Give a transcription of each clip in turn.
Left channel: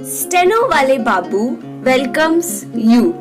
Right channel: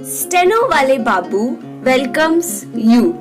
Stenowalebabu welcomes you.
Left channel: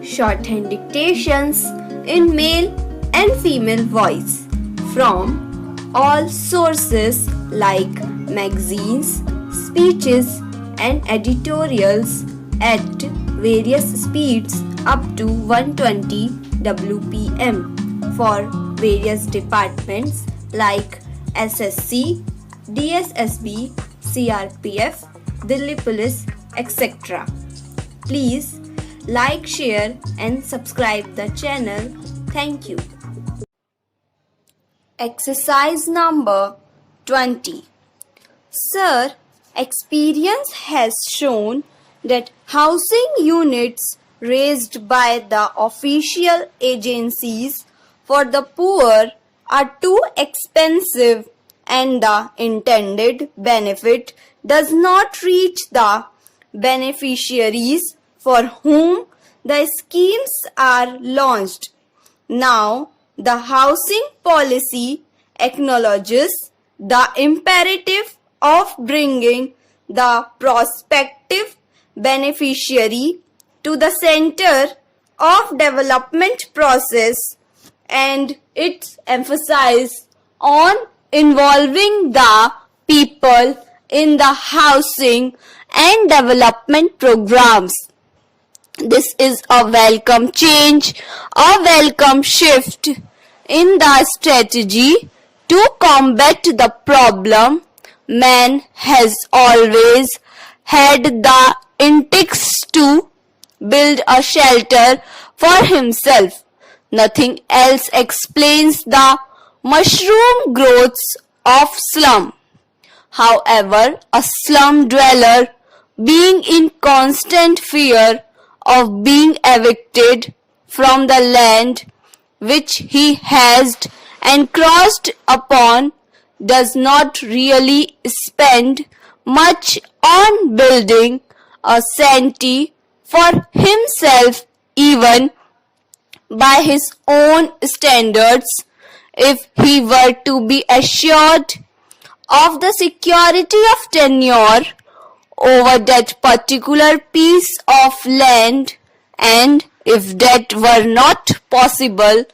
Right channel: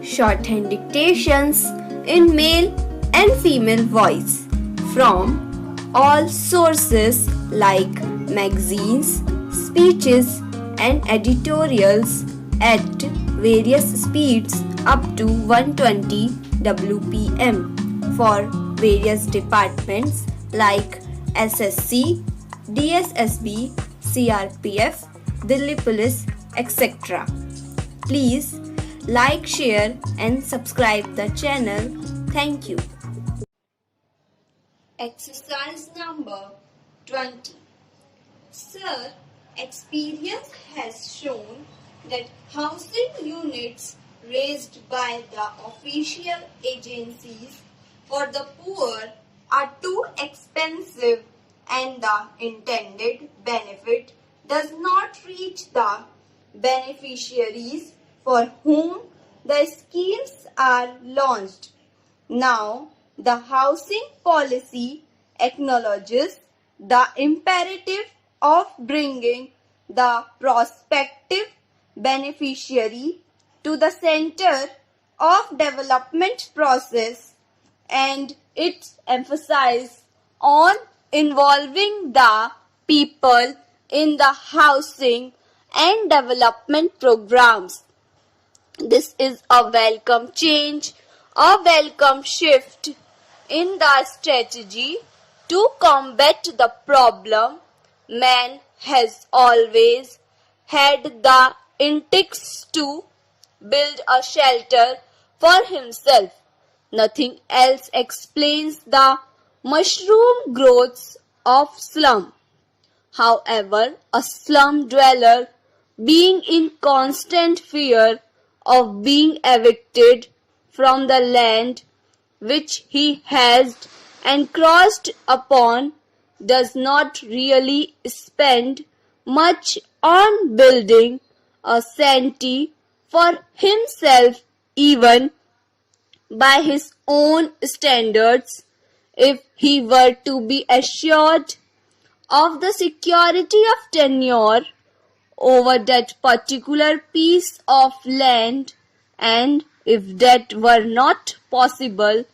Shorthand dictations in male and female voice from all sources like magazines, speeches and editorials at various speeds up to 120 WPM for various departments like SSC, DSSSB, CRPF, Delhi Police, etc. Please like, share and subscribe the channel. Thank you. Exercise number 20. Sir, experience has shown that housing units raised by the official agencies for the poor are too expensive and the intended benefit does not reach the beneficiaries for whom the schemes are launched. Now, the housing policy acknowledges the imperative of bringing the prospective beneficiary to the center of development process, and its emphasis on involving the people in the housing and development programs. This is a welcome change, a welcome shift in the strategy to combat the problem. Man has always had the instincts to build a shelter for himself. Nothing else explains the mushroom growths of slum. However, a slum dweller, being in constant fear of being evicted from the land which he has encroached upon, does not really spend much on building a shanty for himself even by his own standards. If he were to be assured of the security of tenure over that particular piece of land, and if that were not possible,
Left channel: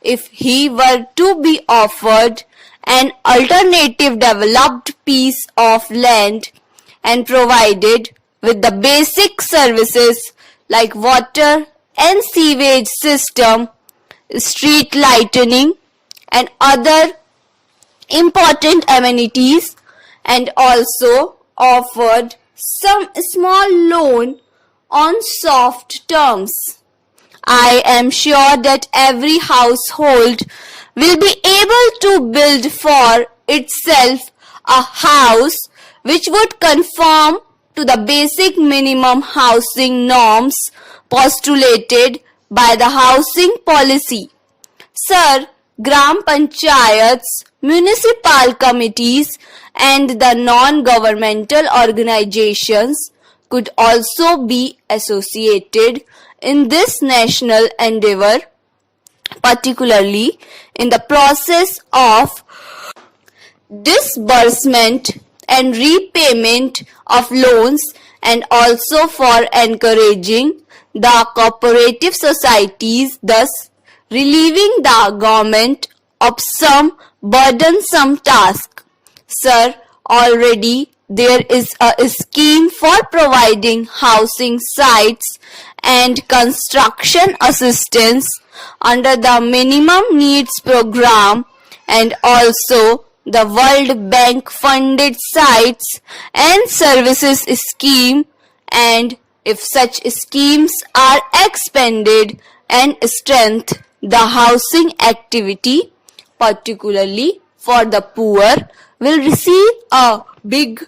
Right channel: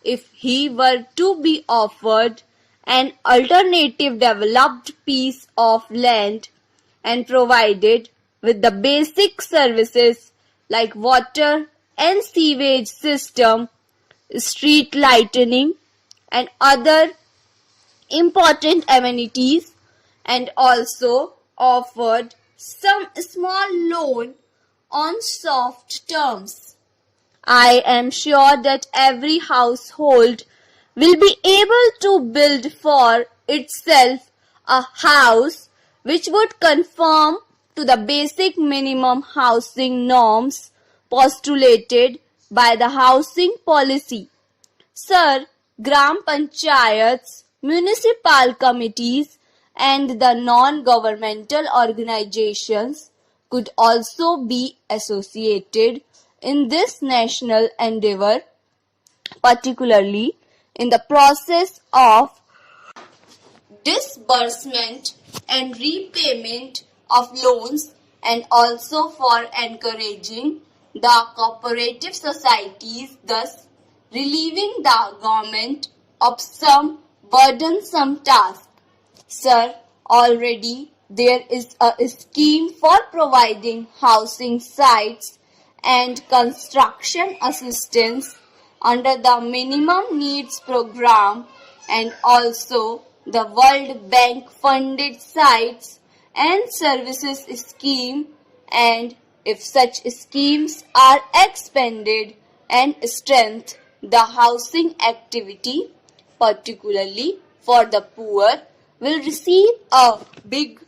if he were to be offered an alternative developed piece of land and provided with the basic services like water and sewage system, street lighting and other important amenities, and also offered some small loan on soft terms, I am sure that every household will be able to build for itself a house which would conform to the basic minimum housing norms postulated by the housing policy. Sir, Gram Panchayats, municipal committees and the non-governmental organizations could also be associated in this national endeavor, particularly in the process of disbursement and repayment of loans, and also for encouraging the cooperative societies, thus relieving the government of some burdensome task. Sir, already there is a scheme for providing housing sites and construction assistance under the Minimum Needs Program, and also the World Bank funded sites and services scheme, and if such schemes are expanded and strengthened, the housing activity, particularly for the poor, will receive a big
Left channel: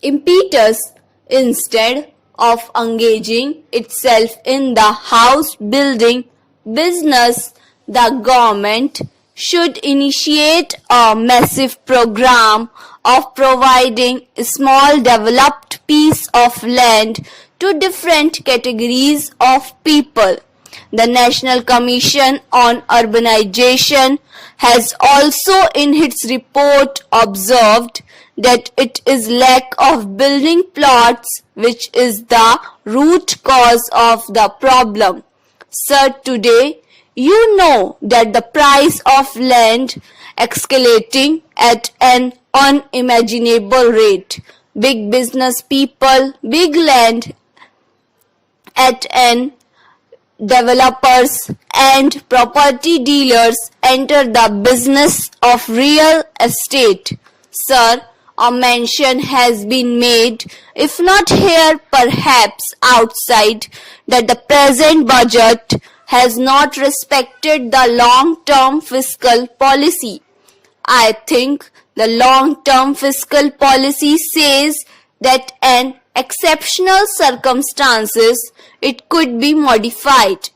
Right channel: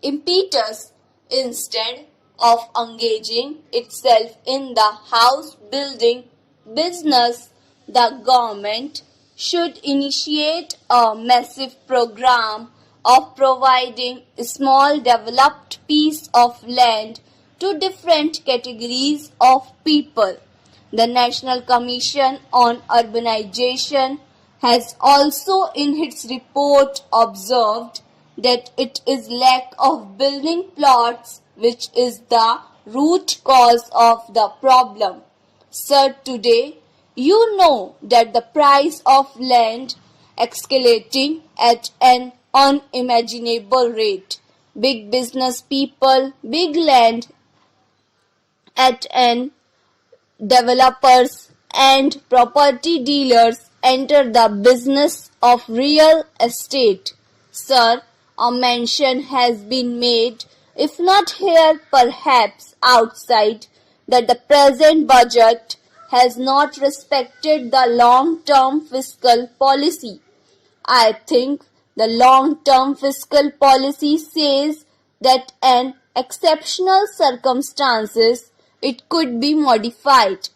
impetus. Instead of engaging itself in the house building business, the government should initiate a massive program of providing a small developed piece of land to different categories of people. The National Commission on Urbanization has also in its report observed that it is lack of building plots which is the root cause of the problem. Sir, today you know that the price of land escalating at an unimaginable rate. Big business people, big land at an developers and property dealers enter the business of real estate. Sir, a mention has been made, if not here, perhaps outside, that the present budget has not respected the long-term fiscal policy. I think the long-term fiscal policy says that in exceptional circumstances it could be modified.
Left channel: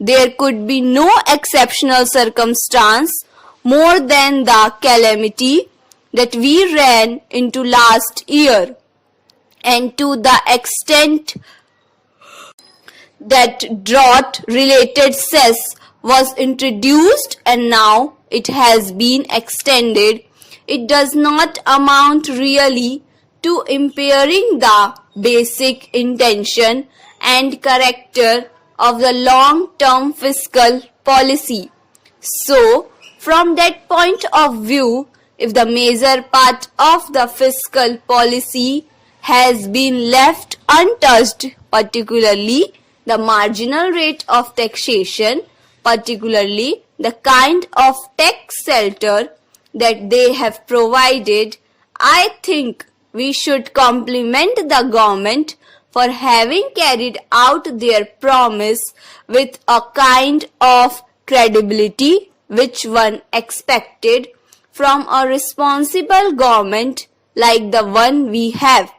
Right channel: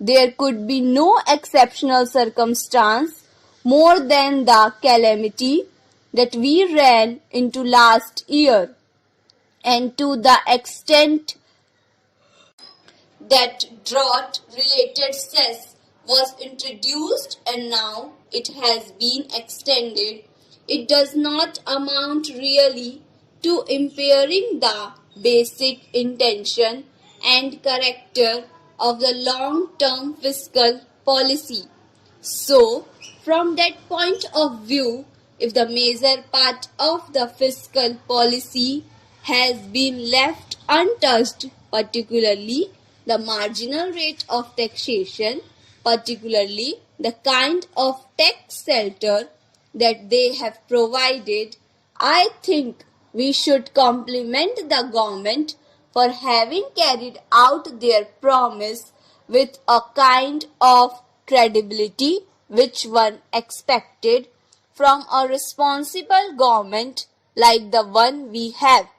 There could be no exceptional circumstance more than the calamity that we ran into last year, and to the extent that drought-related cess was introduced and now it has been extended, it does not amount really to impairing the basic intention and character of the long-term fiscal policy. So, from that point of view, if the major part of the fiscal policy has been left untouched, particularly the marginal rate of taxation, particularly the kind of tax shelter that they have provided, I think we should compliment the government for having carried out their promise with a kind of credibility which one expected from a responsible government like the one we have.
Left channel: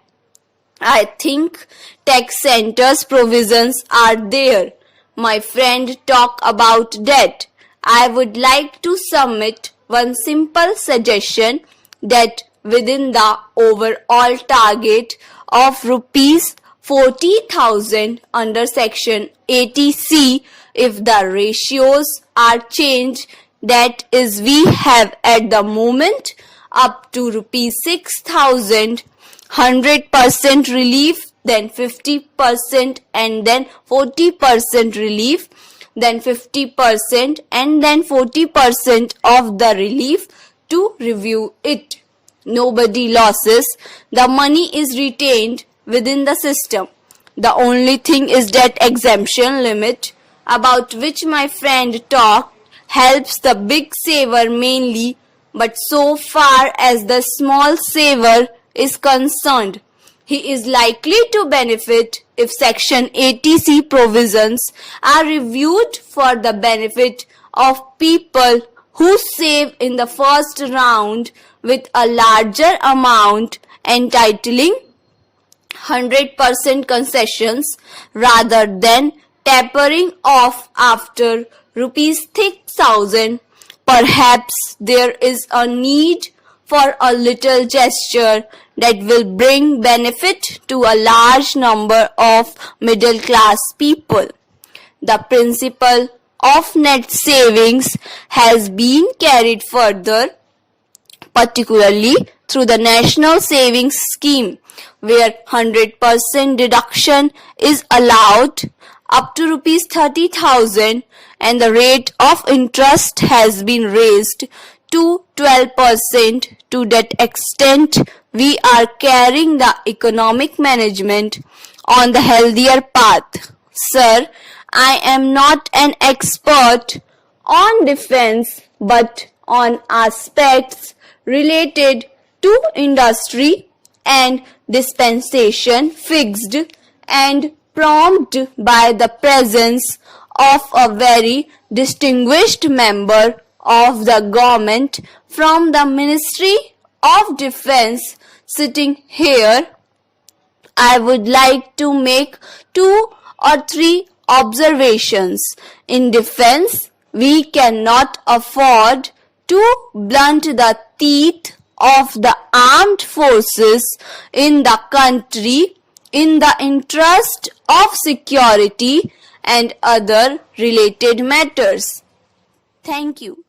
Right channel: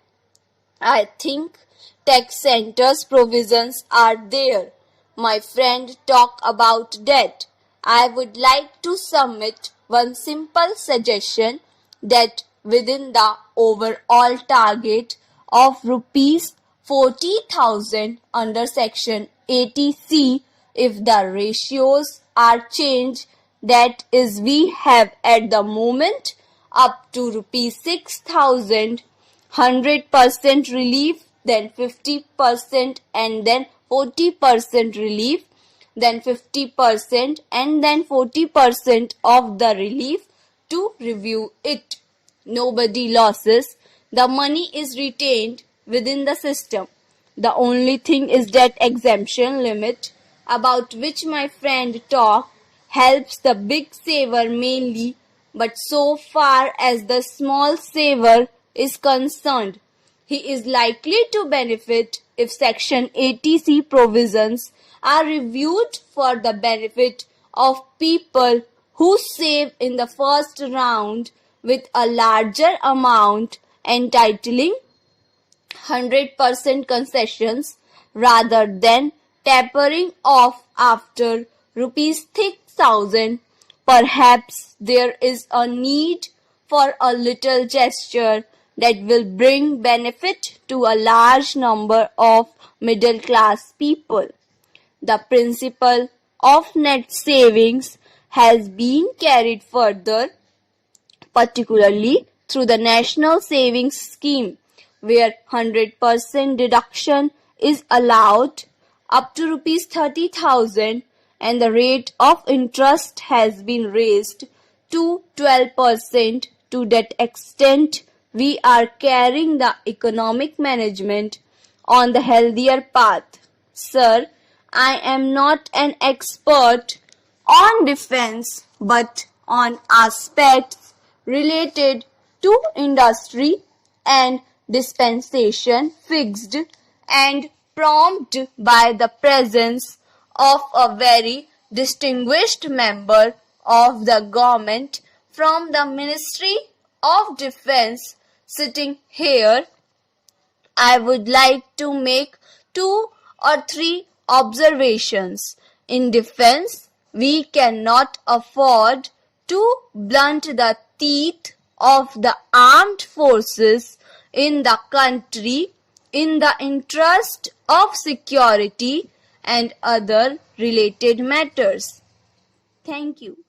I think tax centers provisions are there. My friend talked about that. I would like to submit one simple suggestion that within the overall target of rupees 40,000 under section 80C, if the ratios are changed, that is we have at the moment up to rupees 6,000, 100% relief, then 50% and then 40% relief, then 50% and then 40% of the relief to review it. Nobody loses. The money is retained within the system. The only thing is that exemption limit about which my friend talked helps the big saver mainly, but so far as the small saver is concerned, he is likely to benefit if Section 80C provisions are reviewed for the benefit of people who save in the first round with a larger amount entitling 100% concessions rather than tapering off after rupees 6,000. Perhaps there is a need for a little gesture that will bring benefit to a large number of middle class people. The principle of net savings has been carried further, particularly through the National Savings Scheme, where 100% deduction is allowed up to rupees 30,000 and the rate of interest has been raised to 12%. To that extent, we are carrying the economic management on the healthier path. Sir, I am not an expert on defense, but on aspects related to industry and dispensation fixed and prompted by the presence of a very distinguished member of the government from the Ministry of Defense sitting here, I would like to make 2 or 3 observations. In defense, we cannot afford to blunt the teeth of the armed forces in the country in the interest of security and other related matters. Thank you.